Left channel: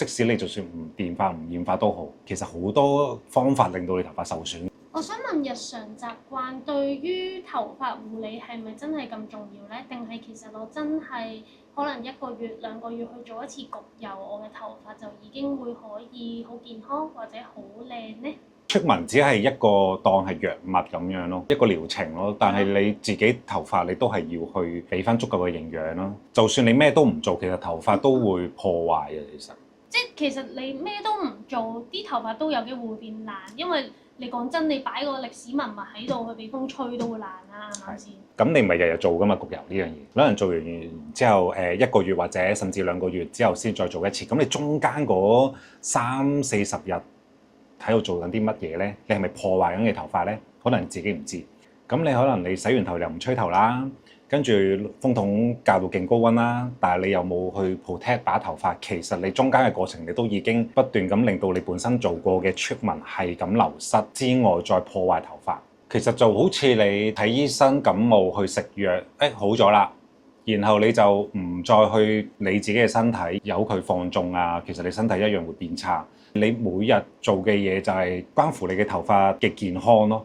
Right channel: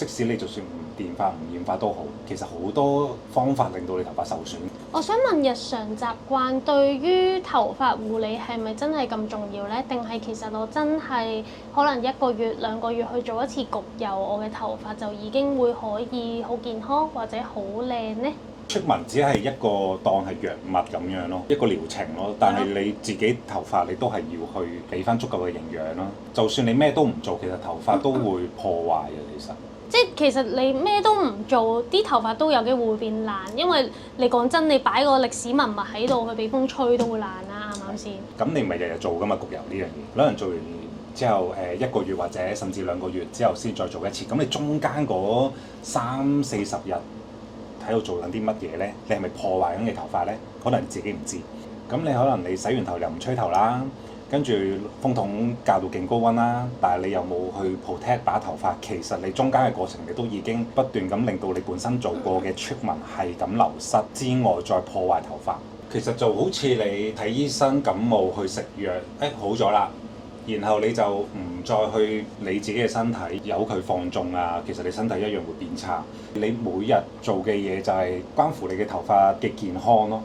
即使你就算唔電髮唔染髮都好，其實好多方法令到你頭髮受損。我想問日常習慣對於頭髮護理係咪真係咁重要呢？定係其實我真係可能1個月2個月去做一次焗油，我嘅頭髮就已經會可以好健康或者好靚呢？出紋只係一個當係藥物咁樣咯，一個療程咯。但係你自己頭髮你都係要去俾翻足夠嘅營養咯。就算你咩都唔做，其實頭髮都會破壞嘅。即係其實你咩都唔做，啲頭髮都有機會會變爛，因為你講真，你擺個歷史文物喺度，佢俾風吹都會爛啦，啱唔啱先？咁你咪日日做噶嘛焗油呢樣嘢，可能做完之後1個月或者甚至2個月之後先再做一次。咁你中間嗰30-40日喺度做緊啲乜嘢呢？你係咪破壞緊你頭髮呢？可能你自己唔知。咁你可能你洗完頭又唔吹頭啦，跟住風筒校到勁高溫啦，但係你又冇去 protect 把頭髮，其實你中間嘅過程你都已經不斷咁令到你本身做過嘅 treatment 係咁流失之外，再破壞頭髮。其實就好似你睇醫生感冒去食藥，好咗啦。然後你就唔再去理自己嘅身體，由佢放縱啊，其實你身體一樣會變差。你每日做嘅嘢就係關乎你嘅頭髮嘅健康咯。